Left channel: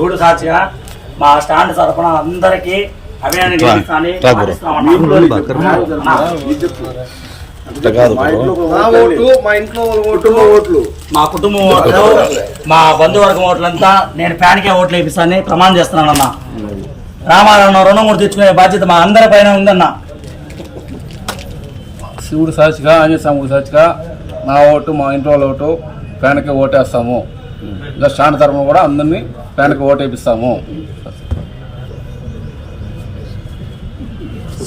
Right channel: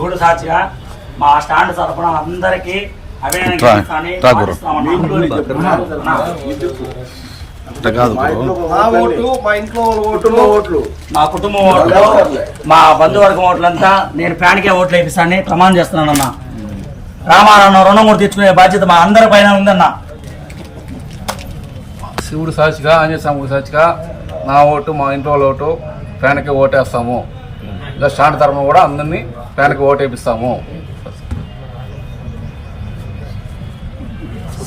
శివుడు సాక్షిగా మా స్టాండ్ తరఫున అందరికీ మా కుటుంబం ఓట్లు మా బంధువర్గం ఓట్లంతా నేను ఫ్యాన్కే ఓట్లు వేపిస్తానని ప్రమాణం చేస్తున్నానన్నా. రామాలన్న రుణమూర్తి తెచ్చుకునే బాధ్యత మా అందరి పైన ఉందన్న. శివుడు సాక్షిగా ఆంజనేయ స్వామి సాక్షిగా నా ఓటు మా ఇంట్లో వాళ్ళ ఓటు ఫ్యాన్కి ఓటేస్తాము. ఇలా స్టాండ్ తరఫున కూడా అందరినీ ఫ్యాన్కి ఓటు వేపిస్తాము.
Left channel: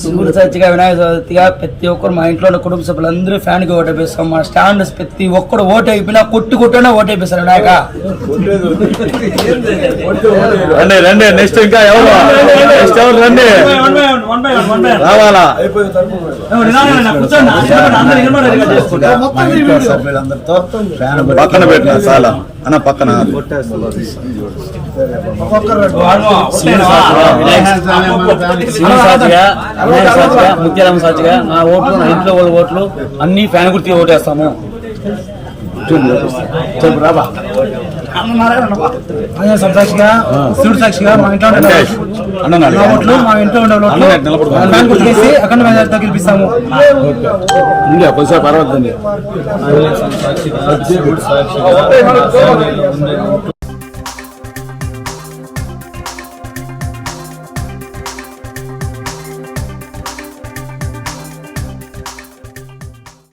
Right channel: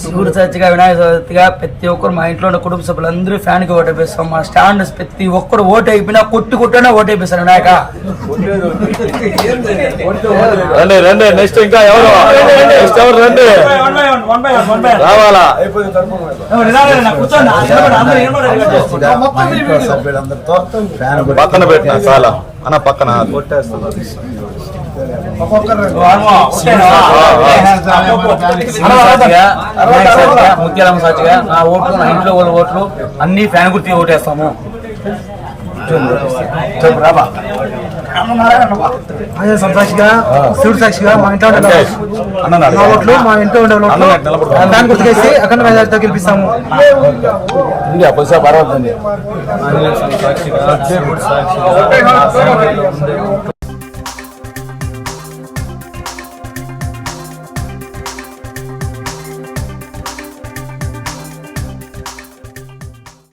శివుడు సాక్షిగా వినాయక చవితిగా ప్రతి ఒక్కరు మా ఇంట్లో కుటుంబ సభ్యులందరూ ఫ్యాన్ కి ఓటేపిస్తాం. మా స్టాండ్ ప్రతి ఒక్కరు ఓటు అయిపోయినా కొట్టినా ఓటేపిస్తారు వినాయక. నెక్స్ట్ ఇంకా రావాలా పక్కన పెట్టిన చాలా అన్న పక్కన ముత్యాలమ్మ సాక్షిగా నా ఓట్లు నా ఇంట్లో వాళ్ళ ఓట్లు అన్ని ఫ్యాన్ గుర్తి ఓటేస్తాము. అదే సాక్షిగా శివుడు సాక్షిగా మా ఇంట్లో ఓట్లు మా ఇంట్లో ఉండే ఓట్లు ఫ్యాన్ గుర్తు చేసి అక్కడ వెళ్ళి గెలిపిస్తాము. పర్వాలేదు